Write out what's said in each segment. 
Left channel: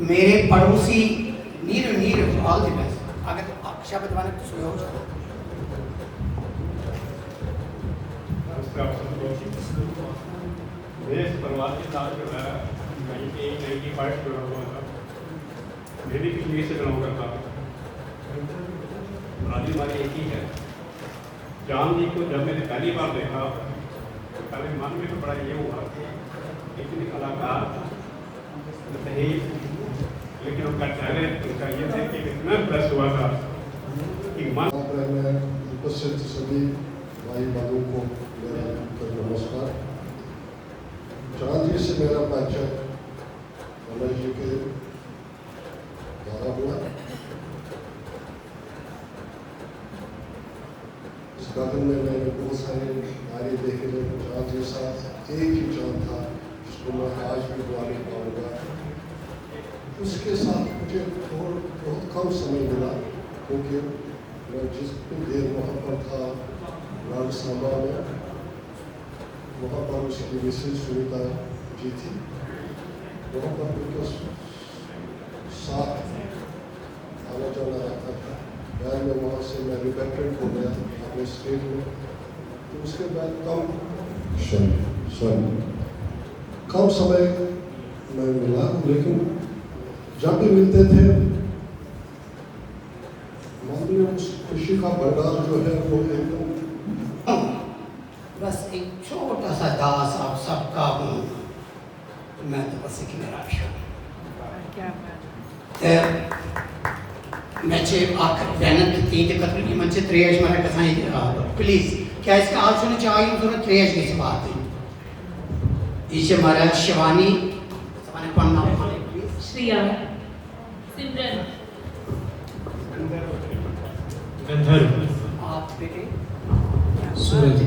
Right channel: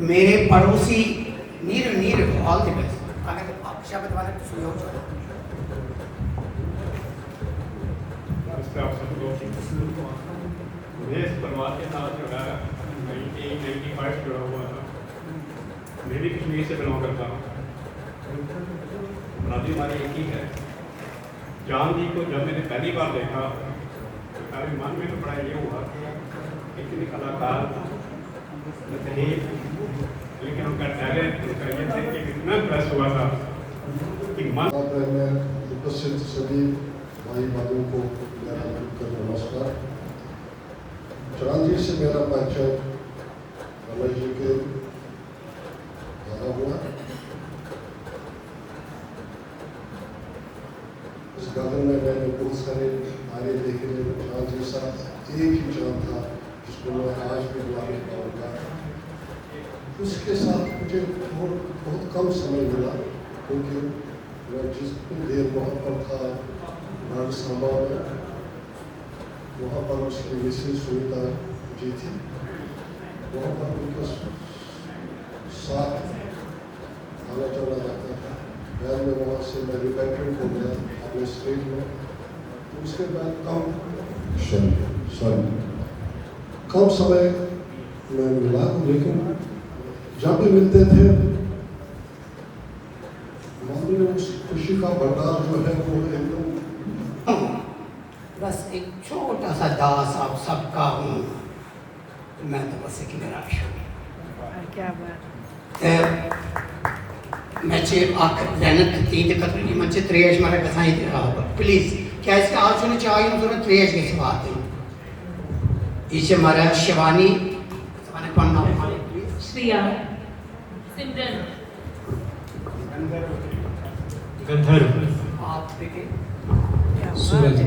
मेरे पड़ोसी नीर नीर ऑल द बेस्ट। अगर आप शब्द वाले तो सुनो मेरे परिवार के साथ जो है 1985 से जुड़ा हुआ था। मेरी कश्मीर से बिलोंग करता हूँ। राजी हमारी एक ही है। चांद जी को जब मैंने पहली बार देखा तो मेरे मन में बड़ा ये हुआ कि इतने कलाकार थे, लेकिन उनका टैलेंट उनका ये देख के इतना इम्प्रेस हुआ था कि मन उपस्थित सभी भाई बहनों को नमस्कार। चांद जी से मेरा परिचय रमेश जी के द्वारा हुआ। इस गार्डन में मैंने बहुत सारे आगे देखे, चांद जैसा एक ही चांद था जिसको मैं आज भी बुलाने पाऊंगा। उसके साथ मुझे बहुत कम समय मिला, क्योंकि मैं जितनी देर वहाँ पर था राजस्थान में, वहाँ पर उसकी विशेष सुविधा जी थी। वहाँ पर उनके साथ आना जाना रहता था। बाद में वहाँ से मैं रिपेट्रेंट हो गया अपने स्टेट में। तो उसके बाद कम समय में मिला, लेकिन जब भी मिलते थे मन में उस खुशी का भंडार जो है वो एकदम। बस एक छोटा सा दास आप सबका हूँ, मैं तो बस एक निराश हूँ। मैं चेप आकर बैनर तीन के तकरीबी मंचे त्रेज मारे बताई दे रहा होगा। प्लीज क्या इसके आज सुने चाहिए उन्होंने त्रेज की बात है। इसे हमारा शिवानी सवाने कौन नाम है प्लीज? श्रिया, सिमरन, गंधर्व, आप बेटे सूरज।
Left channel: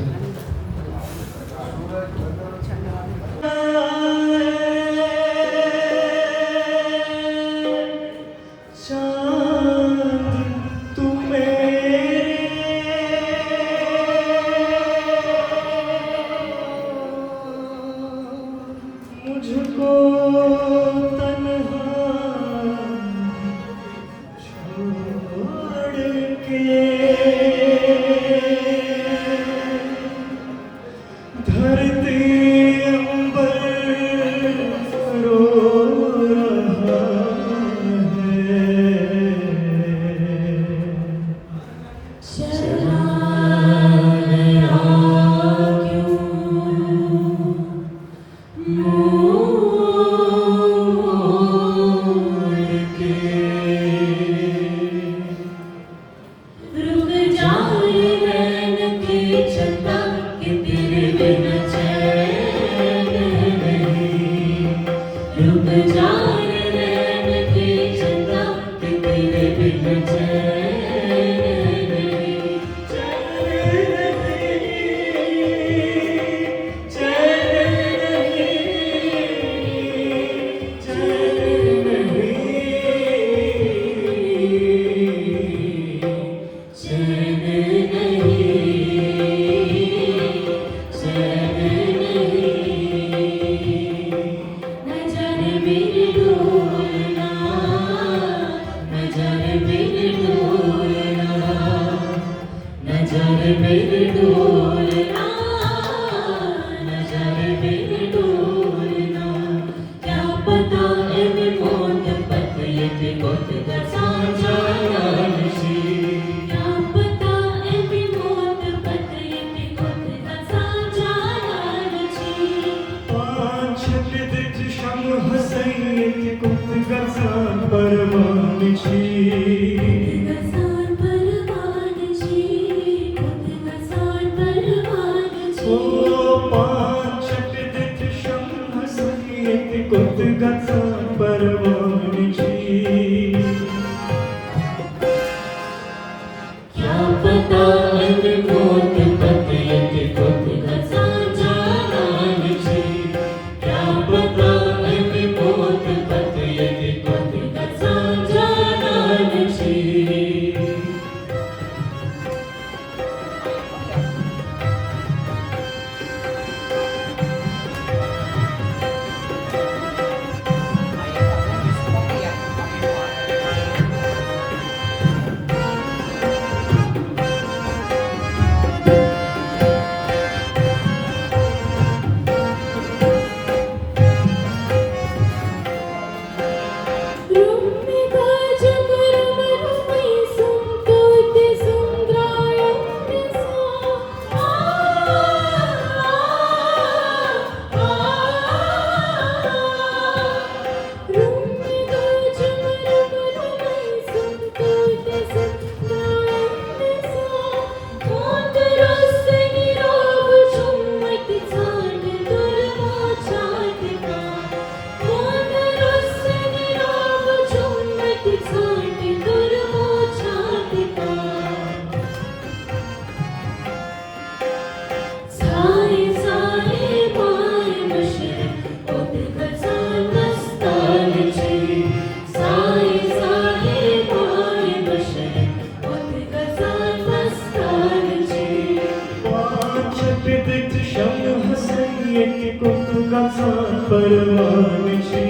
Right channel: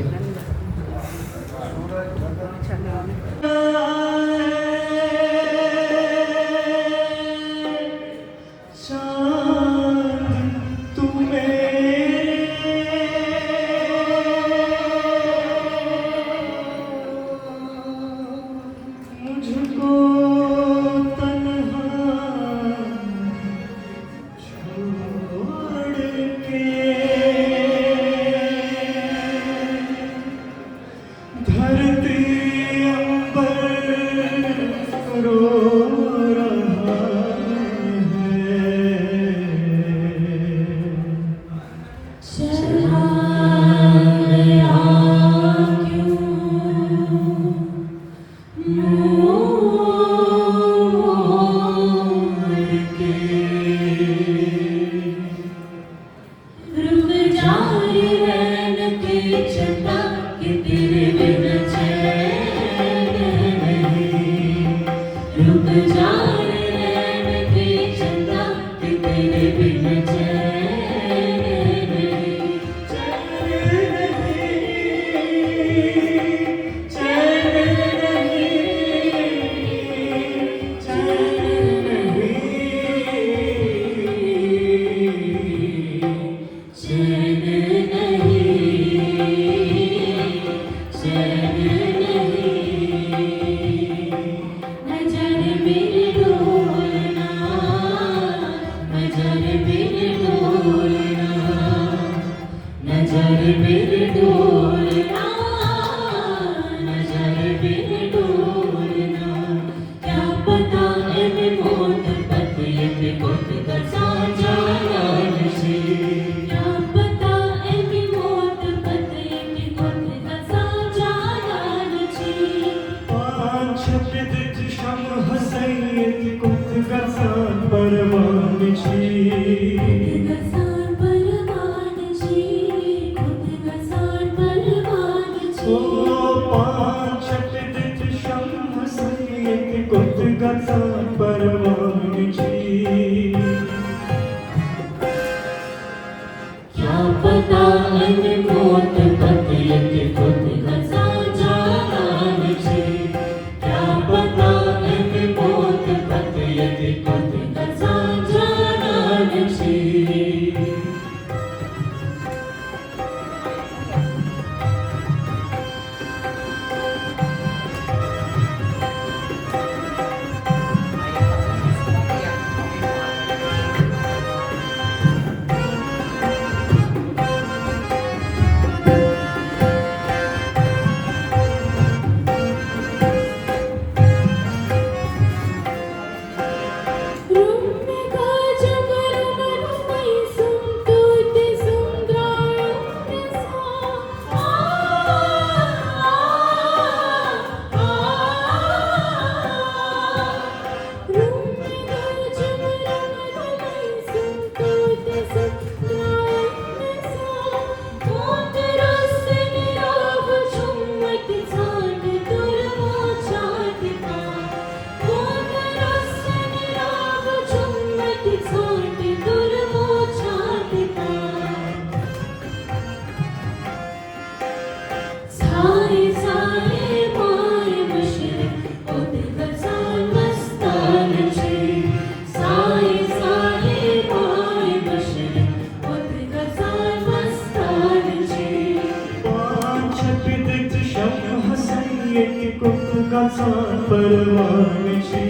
कसा परवानची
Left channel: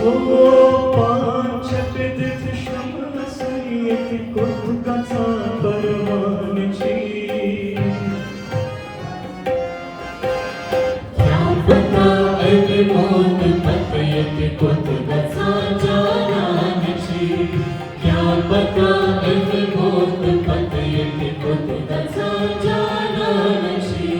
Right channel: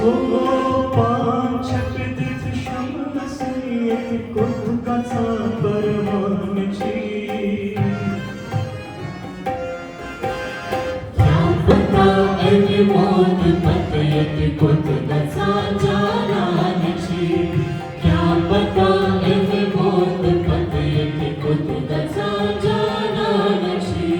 ओ पांचक श्याम सैयद कुत कसा परवानची क्या पता अरे मौत तकयत कुत कसा जानानची क्या पता अरे मौत तकयत कुत कसा जानानची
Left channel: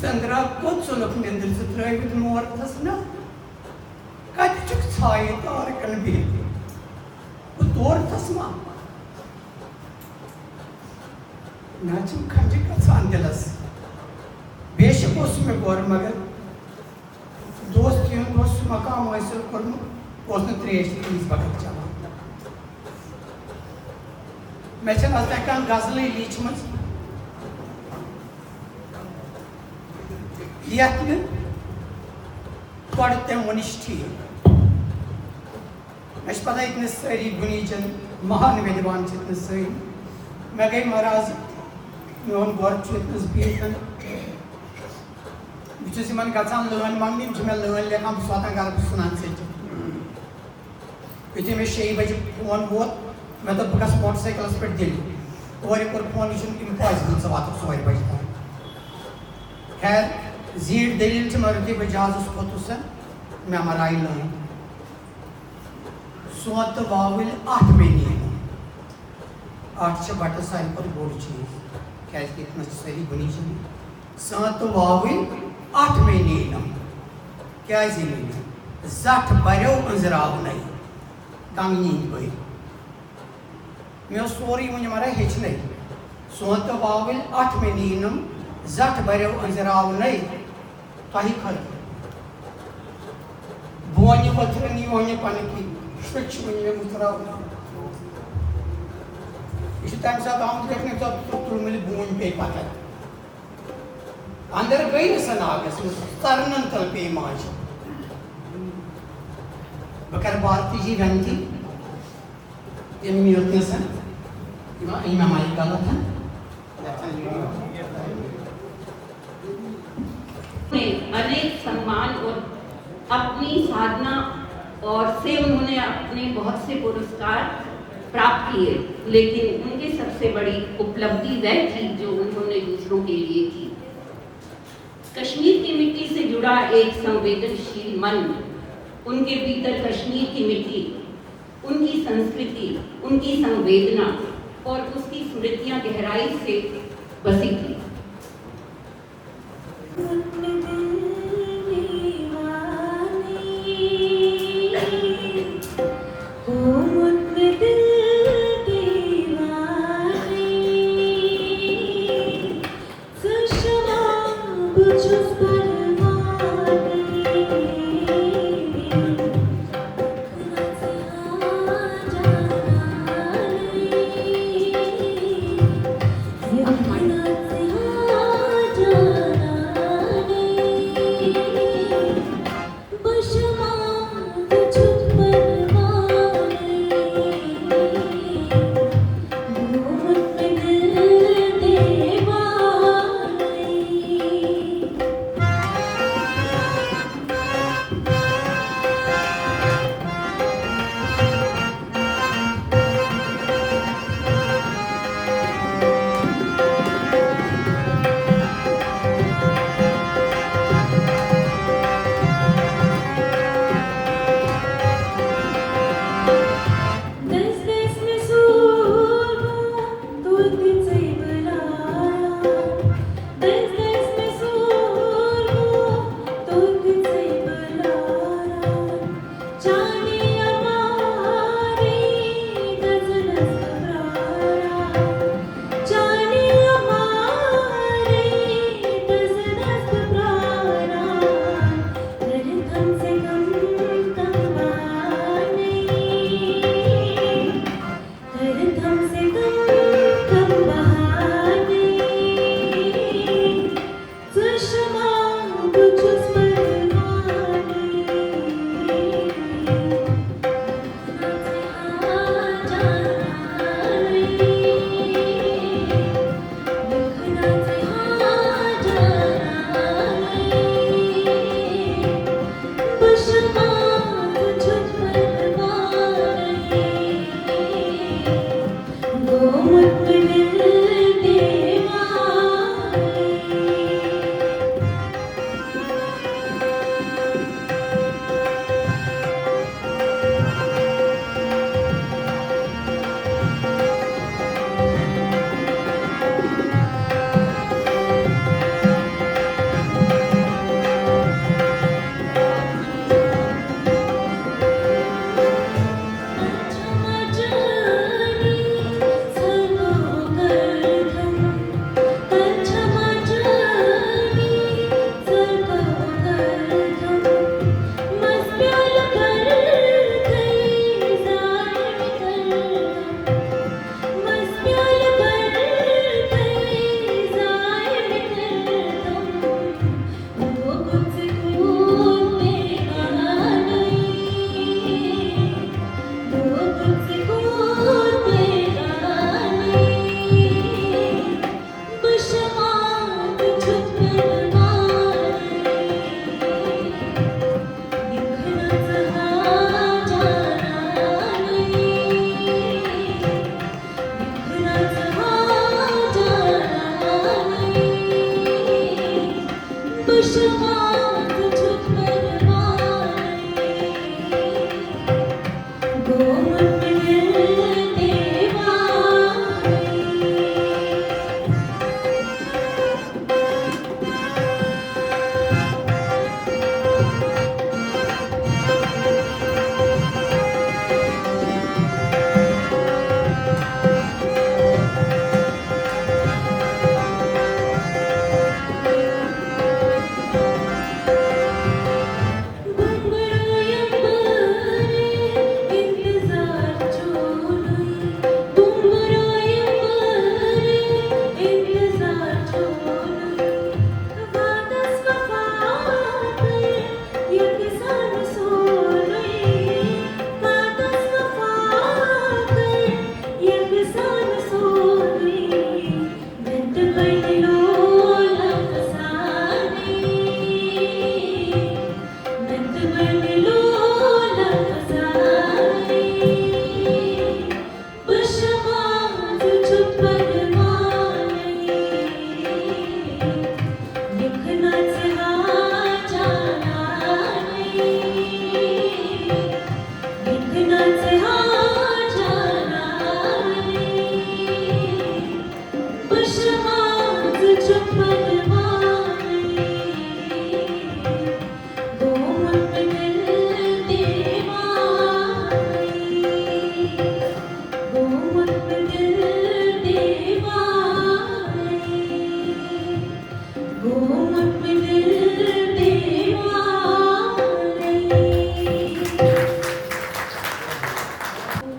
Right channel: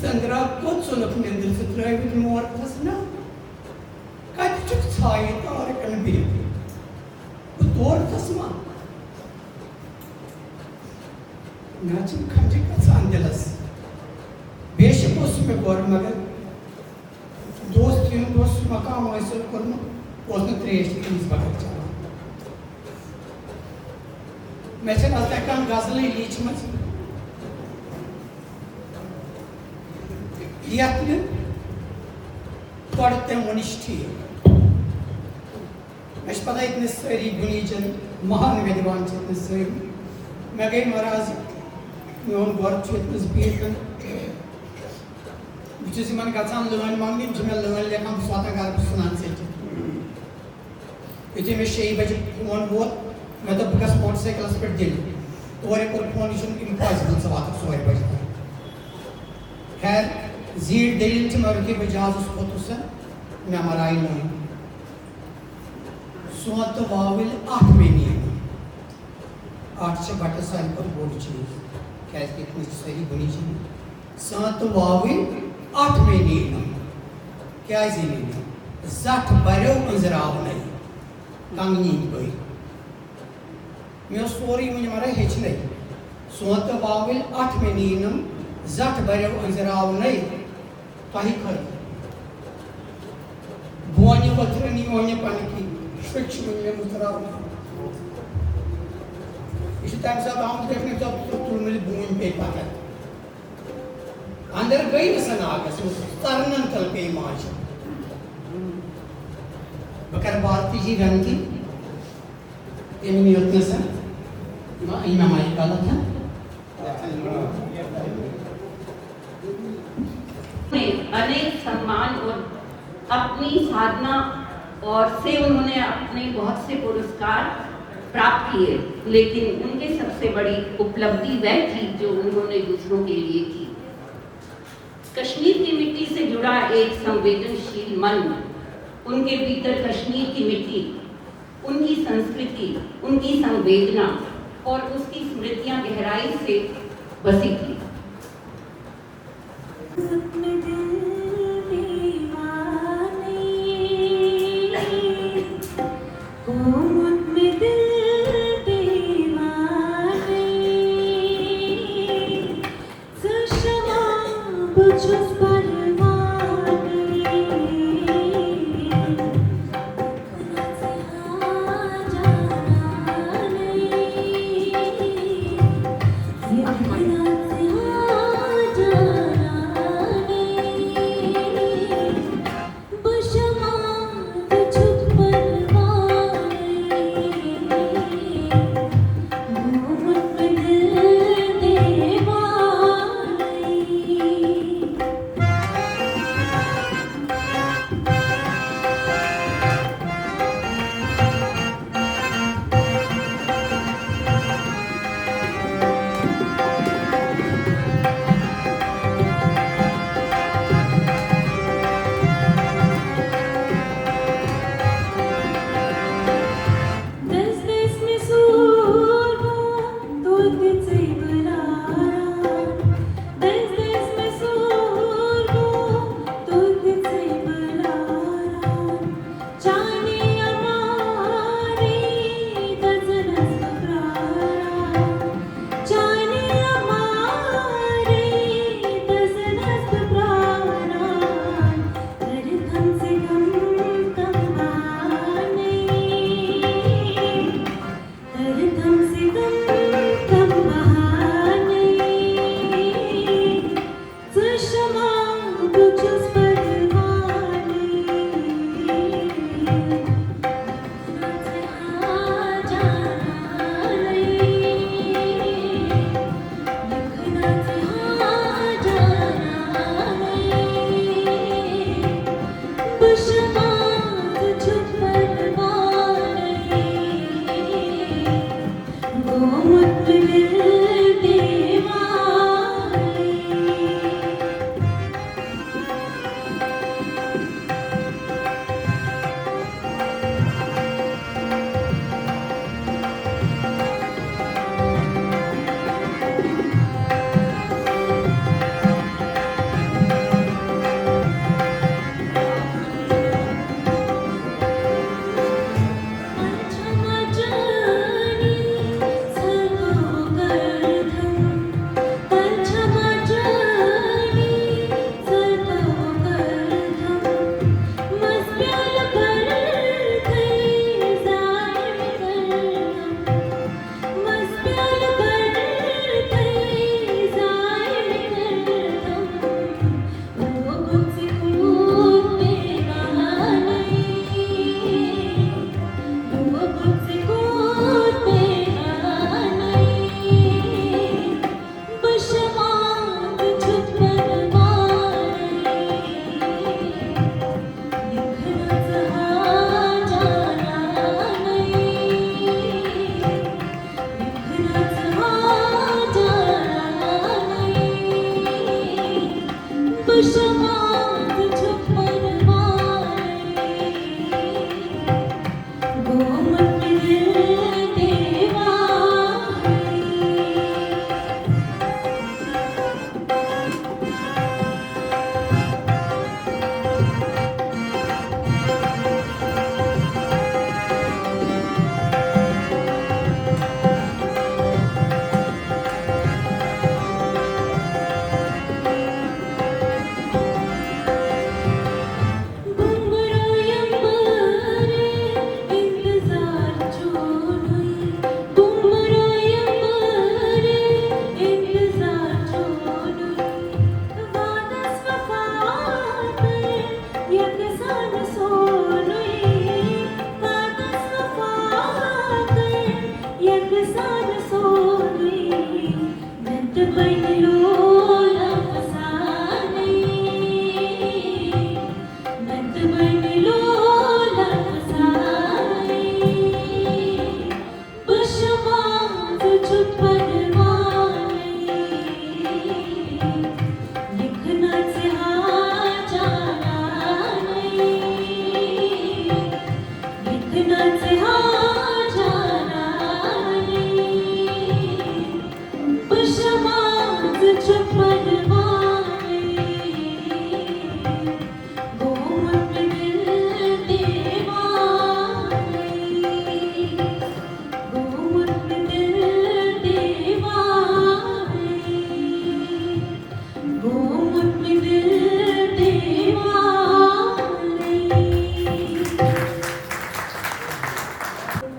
Sandra Kotson of Mendel to try with more Tasna. Kachuk side or can be. But or Tasma. Nachum Kajika Sandelas. Bishopos me Gormaga. Those tune was Maka myself was the creation in his Bagachama. Mechan Aztakan Gazali Lichmas. Yatman पढ़ते मनिष्ठी मैं पता इतने सारी गुनीजन महान विद्वान इतने सारी मैं गई महाराज मैं उन वर्ष इतने स्पीकर बिचु सिमन गचान लोगन मांगी जिम्मे लोगन ले काम स्वाता कर सुनान से बिचु में शेई बजे फोन बोल मैं तो बकस मोटरसाइकिल पर दिल और एक और फोन इशन इम्पॉसिबल सवाल सोए बजता खैर जीर दलील से मरती बजाज उस पोतुसन मैं मराई लूँ सोत वाविल 8 महीने 8 से बट साल पर बोल चाहिए क्या कितना सही बनी चाहिए सोत वाविल 8 महीने ना क्या इसी नहीं ज़ाट बरो अंजराव नहीं तंगी कोई मैं स्टोरी मुझे मरा हिच नहीं सोत वाविल 8 महीने ना ज़ाट बरो अंजराव नहीं ताही खर बोनी वत्रनी ओनी पनकी स्विच में मुतराव इसी टाइम साथ हम देखने तो तुल मिल बोन पे पाता अंदर गई न सनागस तरनन तल पे माज बकर भारती जी रंगी ये में होते हैं सर इमाम मालिक का था अनेक सम्मान और अपनी साधना और से उन्होंने अपने बहुत से पुरस्कार प्राप्त किए, लेकिन उनके सबसे बड़ी उपलब्धि वह थी जो उन्होंने दूसरों के लिए की। कश्मीर की मिट्टी से जुड़ा एक संवेदनशील मन, उनके भीतर कश्मीर की मिट्टी, उनकी संस्कृति, उनकी संवेदना और उसकी स्मृतियां गहराई से बसी थी।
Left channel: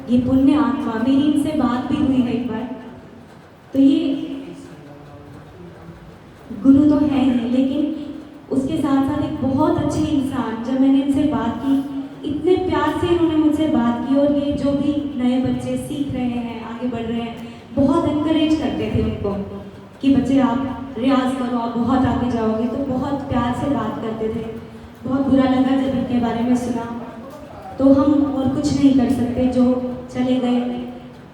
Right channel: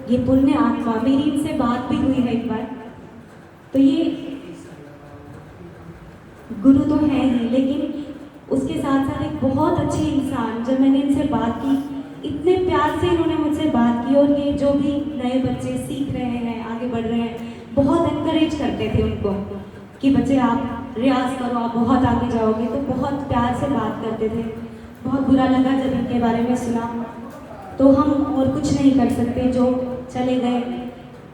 ये पुण्य आत्मा, मेरी इनसे बात भी हुई है एक बार। तो ये गुरु तो है ही, लेकिन उसके साथ साथ एक बहुत अच्छे इंसान। जब मैंने इनसे बात की, इतने प्यार से इन्होंने मुझसे बात की, और ये जो भी नए बच्चे सीख रहे हैं, आगे बढ़ रहे हैं, बहुत एनकरेज करते थे उनको कि बच्चे आप रियाज करो, आप बहुत आगे जाओगे। तो बहुत प्यार से बात करते थे। बहुत बुरा लगा जब इनके बारे में सुना। तो हम और कुछ नहीं कर सकते, जो चले गए,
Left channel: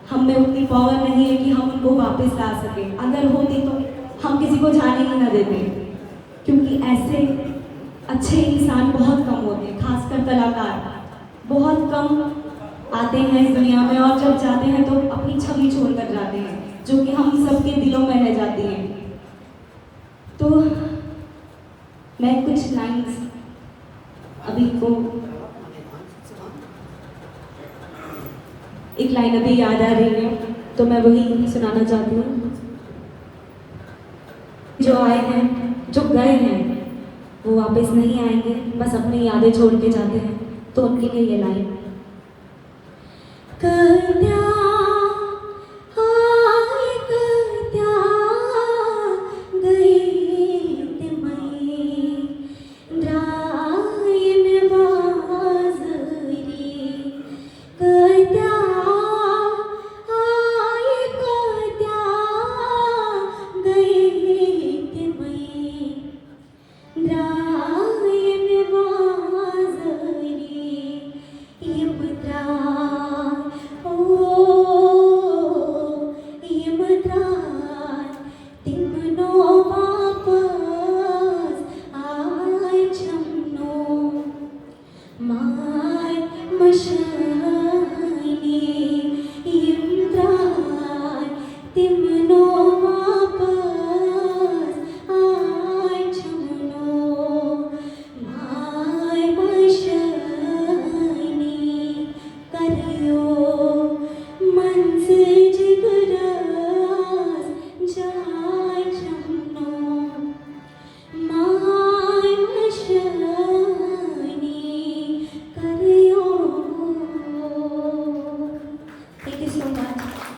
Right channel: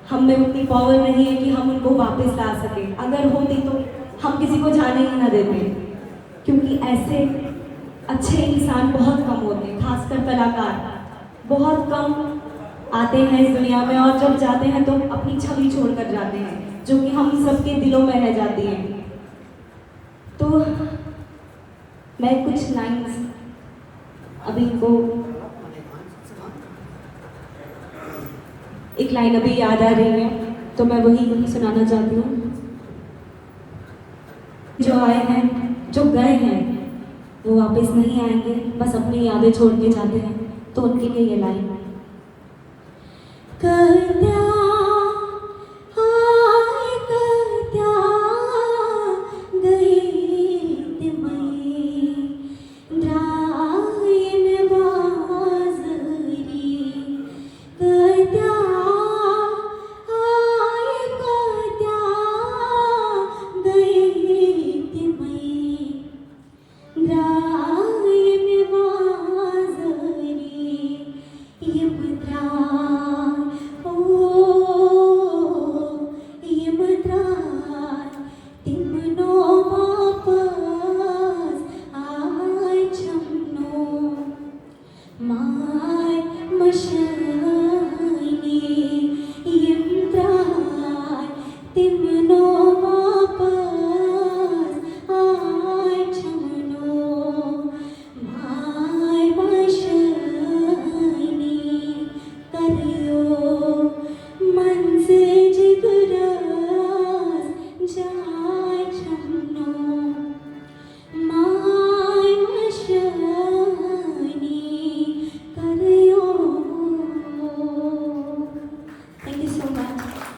हम में उतनी पावर नहीं है कि हम उनको वापस ला सकें। अगर होती तो हम किसी को जाने ही ना देते, क्योंकि ऐसे अच्छे इंसान बहुत कम होते हैं, खासकर कलाकार बहुत कम आते हैं इस दुनिया में, और जब जाते हैं तो अपनी छवि छोड़कर जाते हैं, जो कि हम सबके दिलों में रह जाती है। तो मैं कुछ लाइन्स अभी को एक लाइन अभी याद आ रही है, तो मैं वही सुनाना चाहती हूँ। जो आए हैं, जो गए हैं, वो वापस नहीं आएंगे, बस अपनी यादें छोड़ के जाते हैं। तो उनके लिए ये लाइन।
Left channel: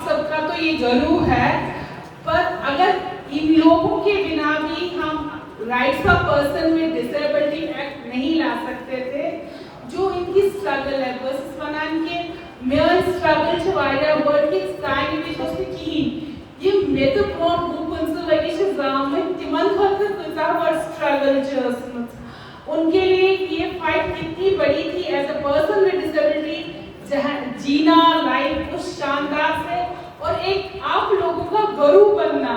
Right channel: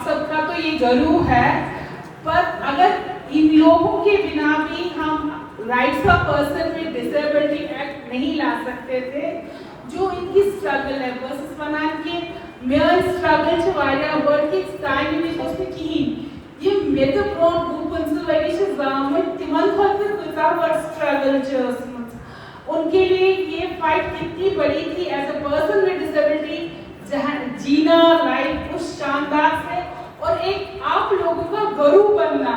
सबका तो ये जरूर है, पर अगर इन लोगों के बिना भी हम राइट्स ऑफ पर्सन में डिसेबिलिटी एक्ट नहीं ला सकते थे, जो इनकी स्ट्रगल है, was es von einem mehr struggle zu einer wirklich sein wie das Team. ये Metatron Group und so welche Sachen mit Timan Khater कुछ struggle just उनके लिए ये फाइट कितनी बड़ी थी as a person with disability, जहां जीना लाइफ उस शानदार से, और एक आप लोगों का गुरु बनना,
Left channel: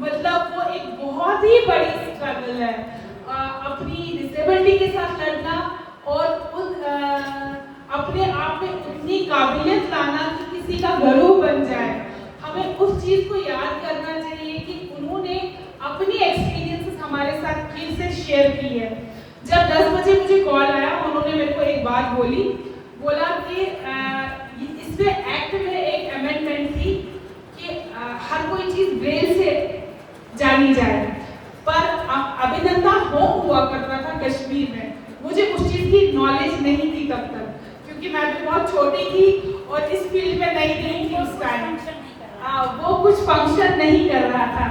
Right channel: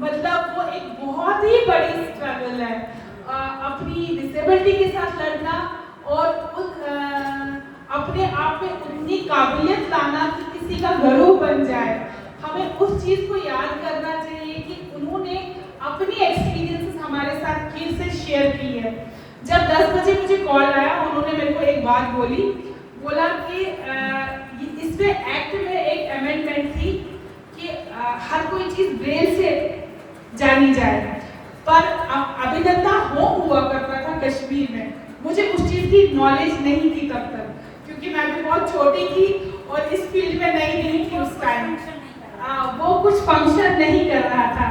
मतलब वो एक बहुत ही बड़ी स्ट्रगल है। अपनी डिसेबिलिटी के साथ लड़ना और अपने आप में उतनी काबिलियत लाना कि किसी का गुरु बन जाए। हमें उस चीज को याद करना चाहिए कि उन्होंने अपनी एक्सपीरियंसेस हमारे साथ फिर से शेयर की है। जब 10 बजे मुझे कॉल आया, उन्होंने मेरे को एक बात बोला कि इसमें एक्ट में एक अमेंडमेंट थी कि हर कोई चीज ब्रेल से जानी जाए, पर अभिनंता होम हुआ करता था कश्मीर में। मुझे उस चीज की नॉलेज नहीं थी तब तक, क्योंकि मैं भी बहुत छोटी थी और इस फील्ड में नहीं थी उस टाइम। वो कुछ फंक्शन नहीं कर रहा था,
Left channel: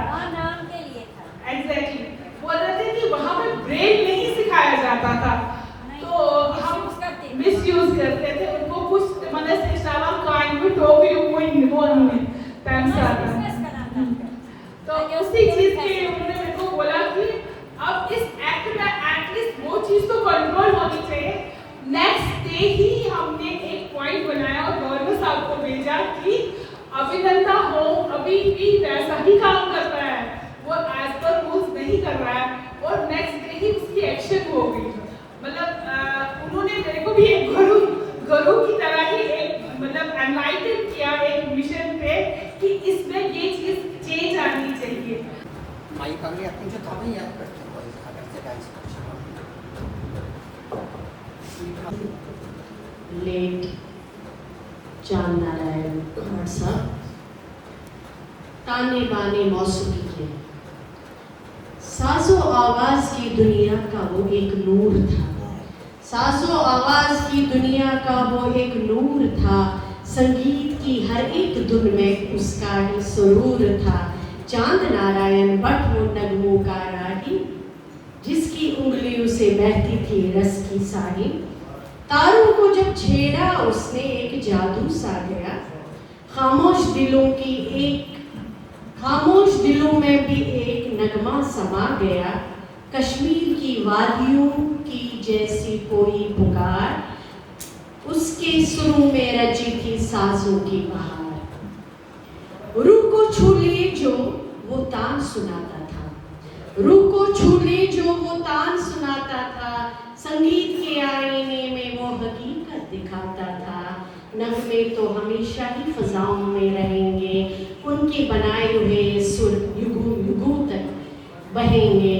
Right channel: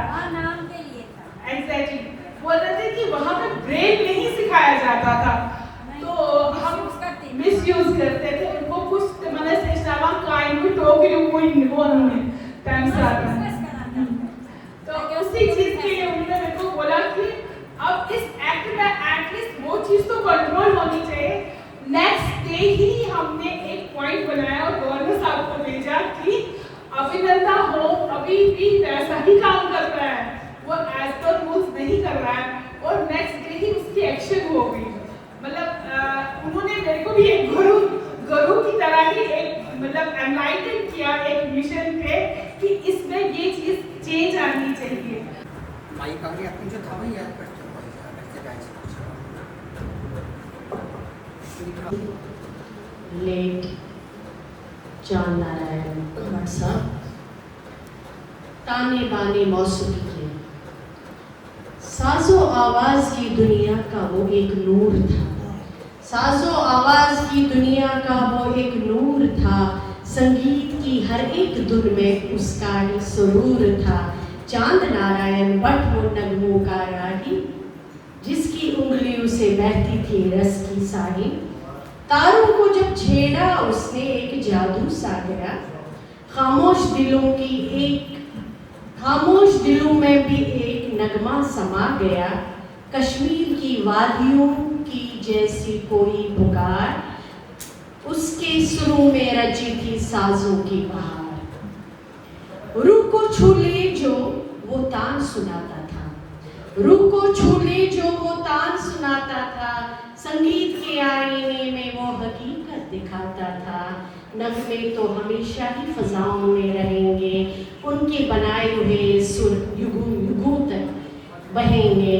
एग्जैक्टली बोल रहे थे कि वहाँ पे ब्रेल नहीं सिखाया जाता था, तो हम मिस यूज करते थे उनको। कुछ मैंने सिखावा काइन को टोक यूं वो नहीं टाइम से आता है। तो उसी चीज के लिए उन्होंने मेरे को बोला कि अब इस एक्ट में एटलीस्ट वो चीज तो कंट्रोल होनी चाहिए। नेक्स्ट डे ही हमने एक पॉइंट बनाया और गवर्नर साहब को भेजा कि अभिनंता होम अभी भी वैसा ही काम कर रहा है, वो एज पर रूल्स नहीं कर रहा है, और नेक्स्ट डे ही उसकी एक्शन हो गई। मतलब उन्होंने मेरे को भी एक गुरु की तरह ही माइक आ गया तुमसे था भाई यार लेट चांद नारायण कुमार साहब ताने बाने मौसूमी के साजो आवाज की दुनिया का वो एक नूर था, साजो आवाज की दुनिया का वो एक नूर था, संगीत की हर एक धुन में उसका ही सुरूर था। चांद नारायण बट वो नगमों का राही, जिसकी उंगलियों से बहती थी रस की साही। तारों को जब छेड़ा उसने एक जादू सा गया, खामोश दिलों में भी एक नगमा समा गया। कश्मीर की वादियों की जैसी कोई पुकार, उसके सुरों में रची थी साजों की बहार। रूह को छू ले जो वो तान सुनाता था, रूह को छू ले जो वो तान सुनाता था, संगीत के आईने में वो हकीकत दिखाता था। नगमे तो हमेशा ही फजाओं में रहेंगे, उनके बनाए हुए सुर युगों युगों तक बहेंगे।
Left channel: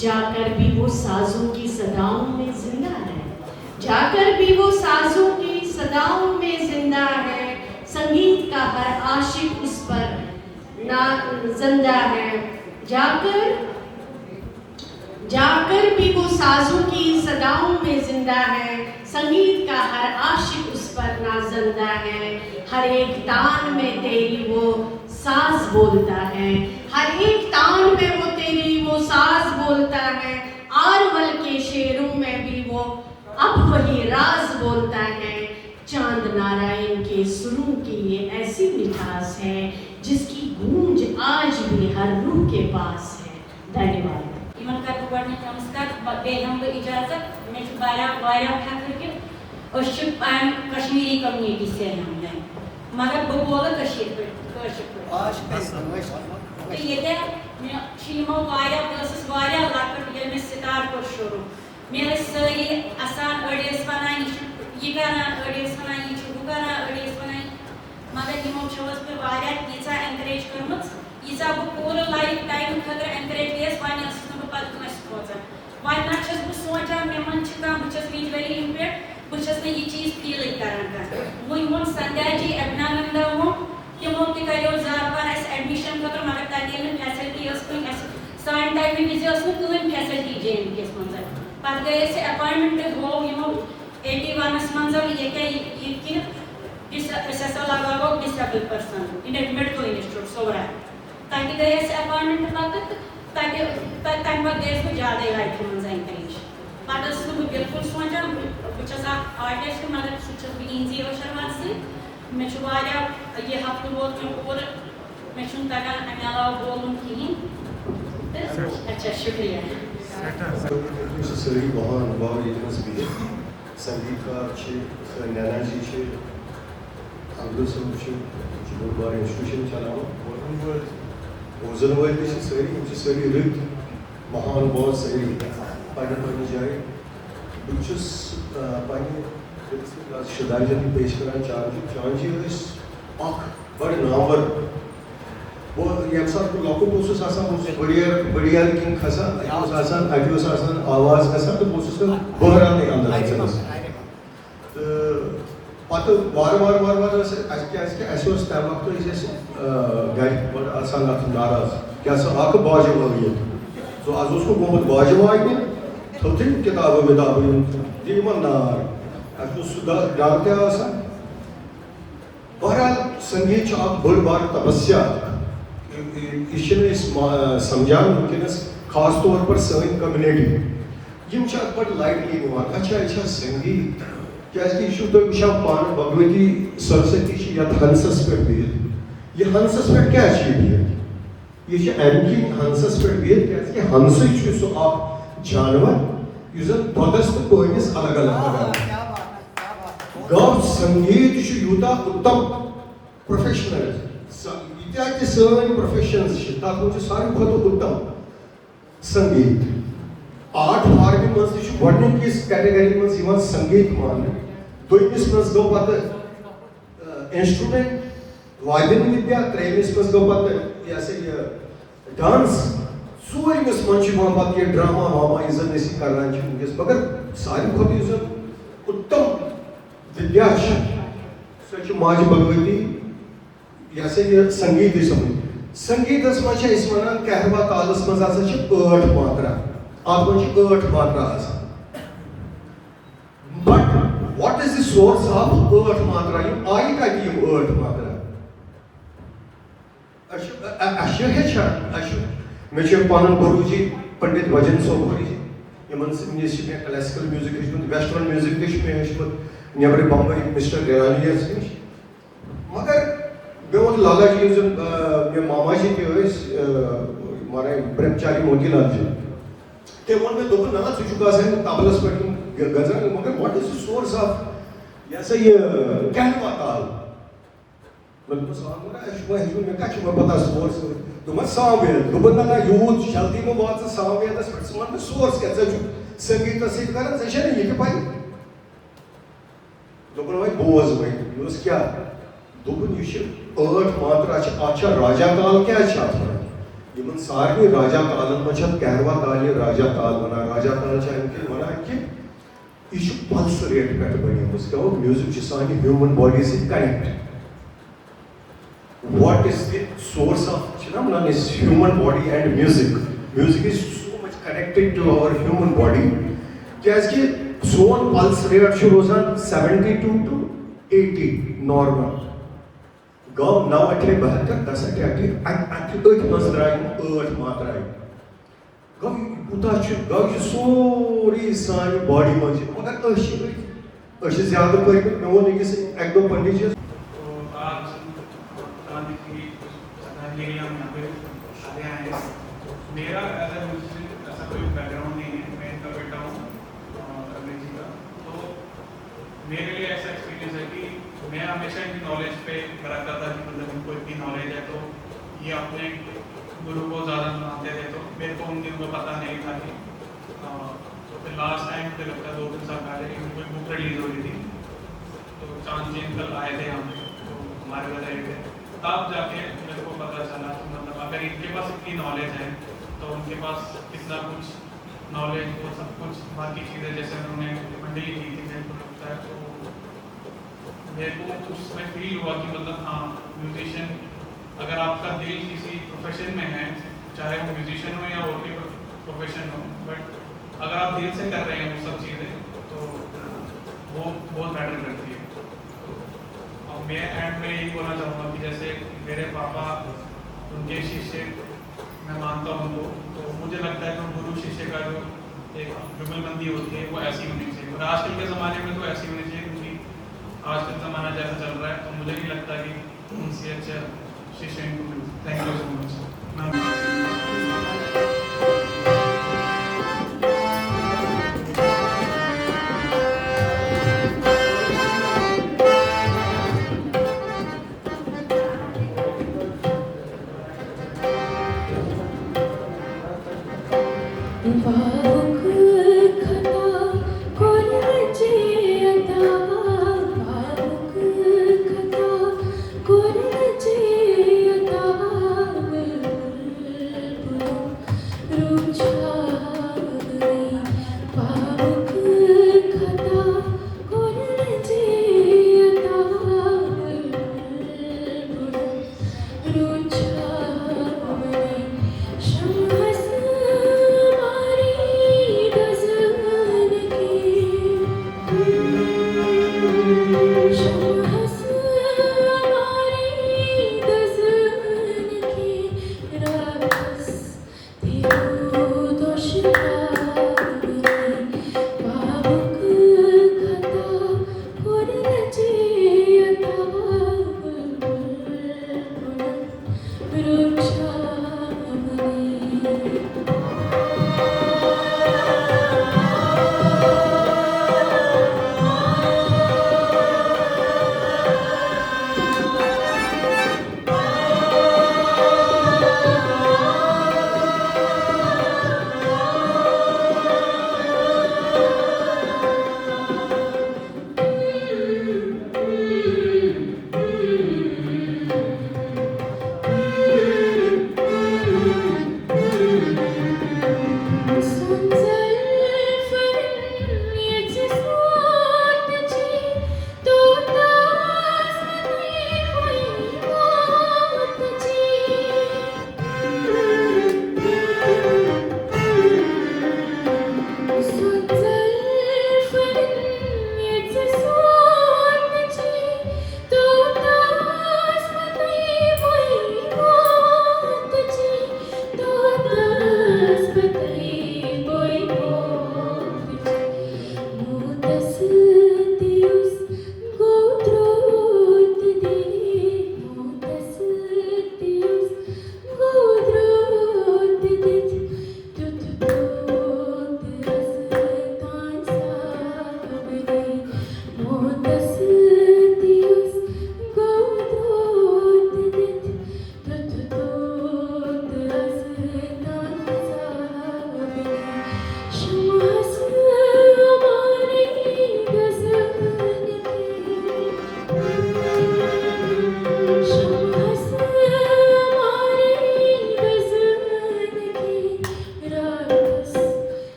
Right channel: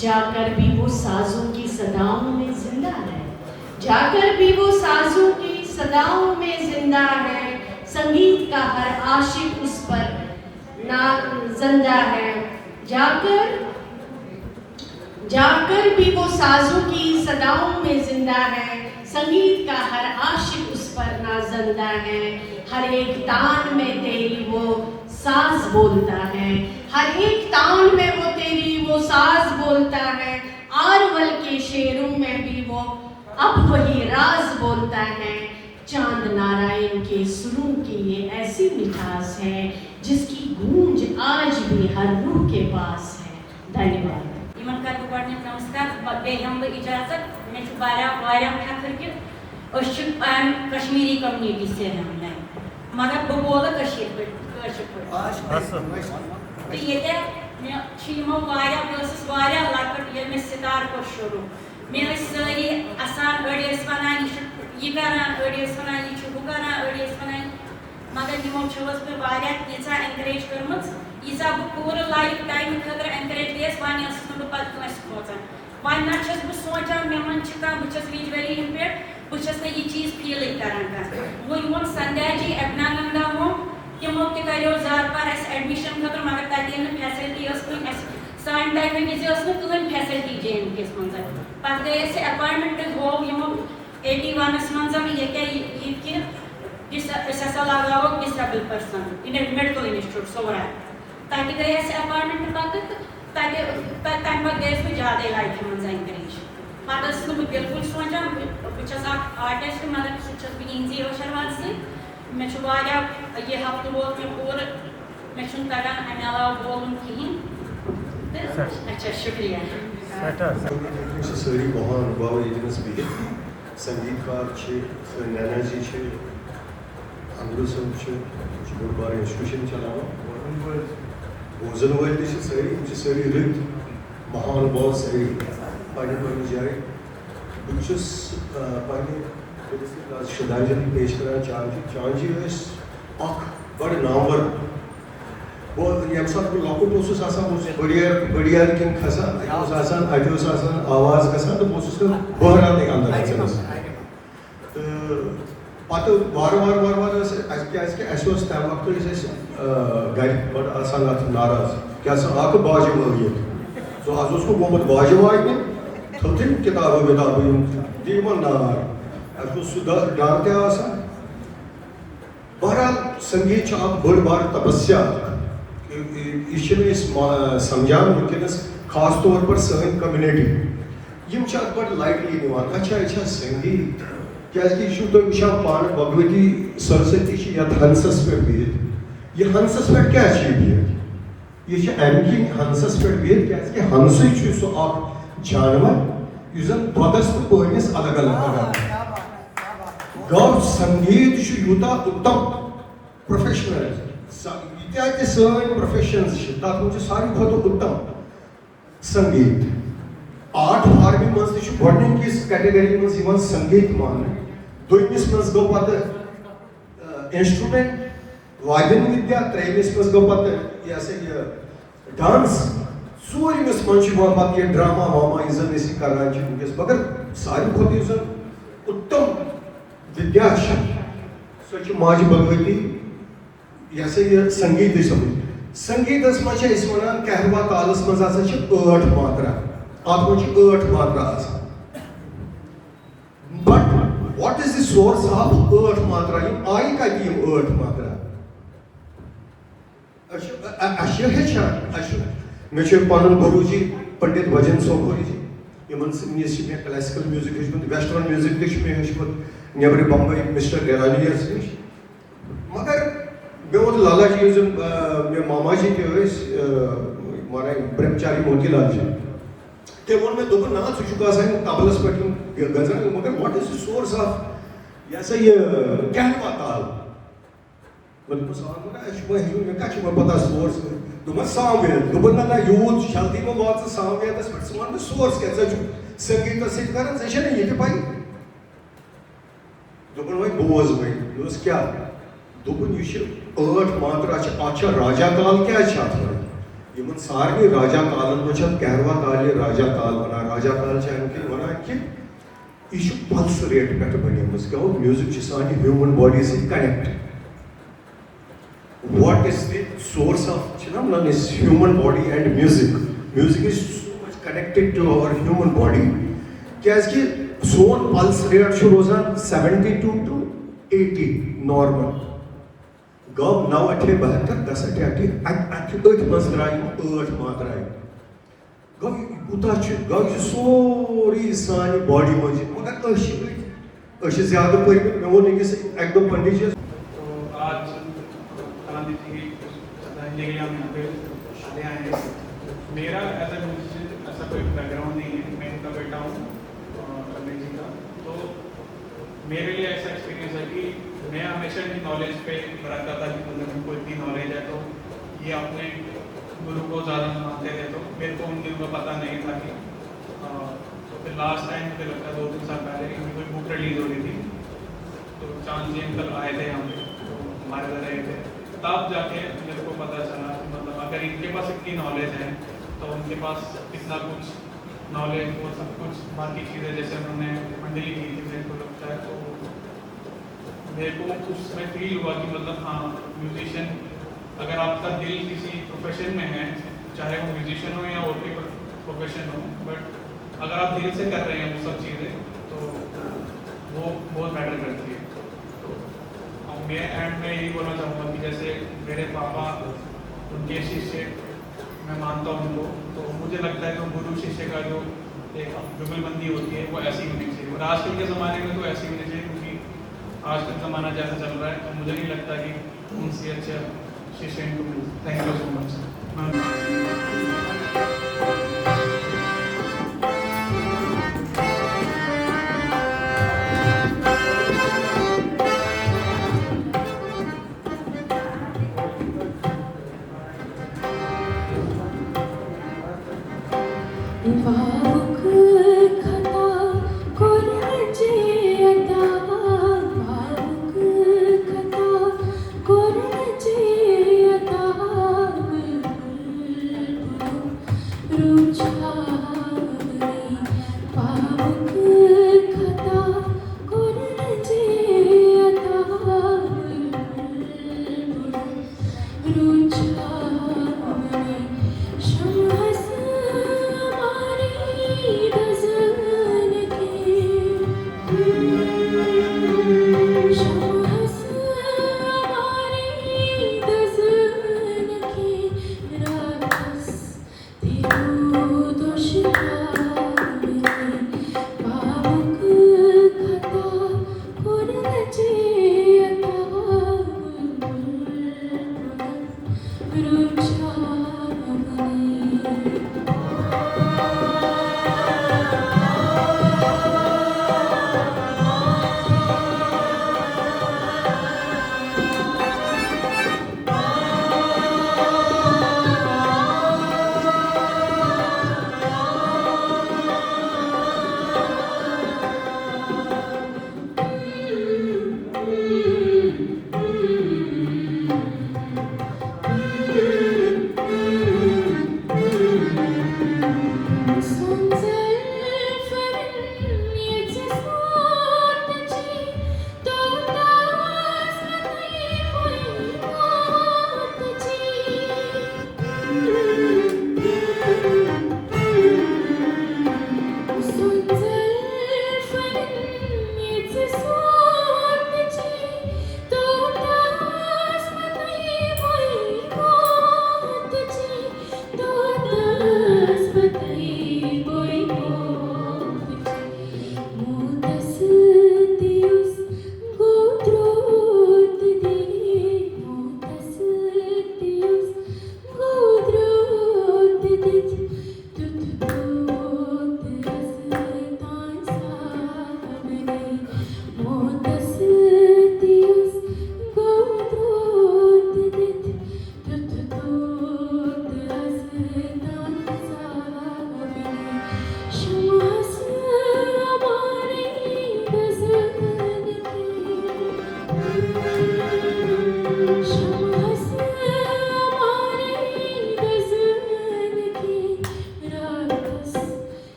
जाकर भी वो साजों की सदाओं में जिंदा है, जाकर भी वो साजों की सदाओं में जिंदा है। संगीत का हर आशिक उस पर ना जिंदा है, जाकर भी वो साजों की सदाओं में जिंदा है। संगीत का हर आशिक उस पर नाजिंदा है। हर एक तान में तेरी वो साज बोलता है, हर एक तान में वो तेरी वो साज बोलता है। आरवल के शेरों में भी वो अब वही राज बोलता है। चांद नारायण के सुरों की ये ऐसी मिठास है, जिसकी गूंज आज भी हर रूह के पास है। धन्यवाद। इमन कर गोडनी नमस्कार बे हम इजाजत मैं वाया फखर के कश्मीरी कम्युनिटी से हम मगर बह बोल कशीर पे तो ये मैं छिमो वाया बस वाया लकट ये मैं सितार को शुरू मैं सारी आसान अड़ेस बनाई ये करना अड़ेस बनाई ये करना अड़ेस बनाई मगर यमो छवस पे वाया तीसा एनकरेज करमत यीसा बह पूरा लाइफ टाइम खतर एनकरेज लेस वानी असन बह पत कस खोजन वानी ना छस बह सोचन मे मन छ का बह छस विजुअली इंपेयर्ड बह छस ये चीज फील करन का वो यमो संध्या जी अभिनंदन वो तिमो के करो जार पर एस एडमिशन खतर मगर तते न फैसिलिटी अस कोई एस साइन टाइम में जे अस कोई फैसिलिटी जेन केस मंज पर गए से अपॉइंटमेंट हो यमो 81 मंज ये के ये के दिस एसएसएल लगाओ disable person in medical institute सोरा ताकि गए ऐसे अपॉइंटमेंट तक ताकि तक बाद गए में ज्यादा लाइफ में एनकरेज पादस को बिल्कुल सोचा बच्चा आर्टिस्ट मगर शिक्षक भी इंजीरो शर्मा से मैं शुभाया ये हफ्ते बहुत में और मैं शुन तगन अमे अलावा बोलूं की अच्छा शुक्रिया सरी बहुत अनुभव येतनच भी संगीतकार छे नैना जी छे अब्दुल सम छे शुक्रवार इंस्टीट्यूशन चलावो ओजनवर जी सरी रित महान बहुत सरी पाने पर जाए बुचस पाने शदाइजन पेश करा चार्जी इस अख बड़े नामवर वो यम सब के लोकल प्रोसेस आसान बढ़िया किन खसा आसान अडियोस आसान आवाज खसा तो प्रोसेस को बहरा नहीं अंदर पातो वार से ऐसे स्टाइल वक्त जैसे गाइड और आसान नाराज क्या सब आके बाजे वाली है तो आज उसको बहुत बाजे वाली तो दिन किताबें दीमन नार आज उस जानते हैं आसान बहरहाल संगीत आप बड़ बार तपस्या इसमें समझान वनकस खास तौर पर सहन कम्युनिटी यम बड़ लाइटली निवान अच्छा संगीत क्या तो विशा पान भगवती सरस्वती हंसस पे बिहित ये हंसस पे क्या बिहित ये अमिक हंसस पे बिहित क्या हंस सो आप जानवर युजन दस तो कोइनिस अलग अलग गव संगीत यूता उत्तम प्रोफेशनल इत्यादि सर्व प्रोफेशंस सारी बहुत उत्तम संगीत आर्ट फार्मिंग मज गोडनिकिस कैटेगरी मज संगीत मान दोमिस मज गो पत इंस्ट्रूमेंट वाद्य विद्या त्रेमिस मज गो पत ये डांस Sulmos manchmal ये ड्रामा वामा इज़न इसी करना चाहिए मगर सारी खुद इज़न उत्तम विद्याश सच माज भगवती जैसे ये संगीत संगीत मजे इस वनान कहवा तालस मज आसा छ 8 मात्रा आप मज 8 मात्रा आसा but what is the source of 8 मात्रा यम आई का दी 8 मात्रा अशे है अशे मे छ पान गुरुजी पंडित भजन सोखरी यमन music classical music western music दिश में है नेबर बम्बई मिस्टर गेरालियस मगर बेवल लाला जी मे मामा जी थे मारे ब्रह्मचारी मोतीलाल जी ते वन में दोपन ना सुजुका से ताबलस पर गजल मगर what is the source of ऐसा ये कहवा ताल मतलब सवाल ना शुभ है जो मैं का शुभ पता सोर्स तो मत सावे दोपन ना यूथ शादी में बात से सावे दस परसेंट सोर्स कैसे संगीत से कारण से नहीं के पाई दोपन भाई बोझ भाई दोस्त क्या दोपन ये 8 मात्रा अच्छा राजा काल क्या चाहता है यमन सारे राजा काल में कहवा काल राजा काल बना राजा काल इनके बना कि इशू पल्स रेट पे बनी उसका वो म्यूजिक सानी ह्यूमन बॉडी से connect what is the source of phenomenon is human body and music is so much connected to our human body कैसे सोन पल्स रेट शुरू रोजान 72 to 80 नॉर्मल गाँव 9 8 72 10 8 8 मजराई 8 मात्राई गाँव उतार गाँव सोरी सानी बॉडी में मगर अशी ज्यादा पर मैं वो नहीं किसी एक दो पंडित आज गांधी जी श्रद्धांजलि हम यहाँ पे आए हैं मेरा एज ए म्यूजिशियन ऐसा कोई बैकग्राउंड नहीं है मैं इनका बेटा हूँ अरविंद जी का तो मेरे लिए ऐसा एक्सपीरियंस है कि मैं हमेशा इनकी नॉलेज पे रखता था कि मतलब इनको इतनी नॉलेज है तो ये अपने गुरु को ज़्यादा मानते थे तो मेरे को उनको पता नहीं था कि तो फिर लास्ट टाइम मुझे लगता है 2-3 साल पहले कि कोई बुक रिलीज हो रही थी तो चांद जी अंकल आए थे यहाँ पे तो हमारे घर रहे थे तब जाके मेरे को पता चला कि मतलब अगर इनके पास इतनी नॉलेज है तो उनके पास कितना कुछ नॉलेज वो सब कुछ बाकी चीज़ें जैसे उन्होंने मंडली की थी मेरे को लगता है तो मेरे को उसमें फील हुआ कि मतलब हाँ म्यूजिशियन अगर आपका दिल किसी प्रोफेशन में है चाहे वो म्यूजिशियन हो या और कोई प्रोफेशन हो बट अगर आप दिल से कर रहे हैं वो सब चीज़ें तो वो बहुत मैटर करती है तो मैं एंड में यही बोलना चाहूँगा कि जैसे मेरे पापा उनके शिष्य मैं मानता हूँ उनको तो मुझे लगता है जो गुरु शिष्य का जो एक जुगलबंदी होती है वो ऐसी होनी चाहिए और आजकल के ज़माने में तो ऐसी होनी चाहिए क्योंकि आजकल ज़माना जैसा चल रहा है तो मुझे नहीं लगता कि उनसे अच्छा शिष्य इनको मिले। Thank you so much. Ru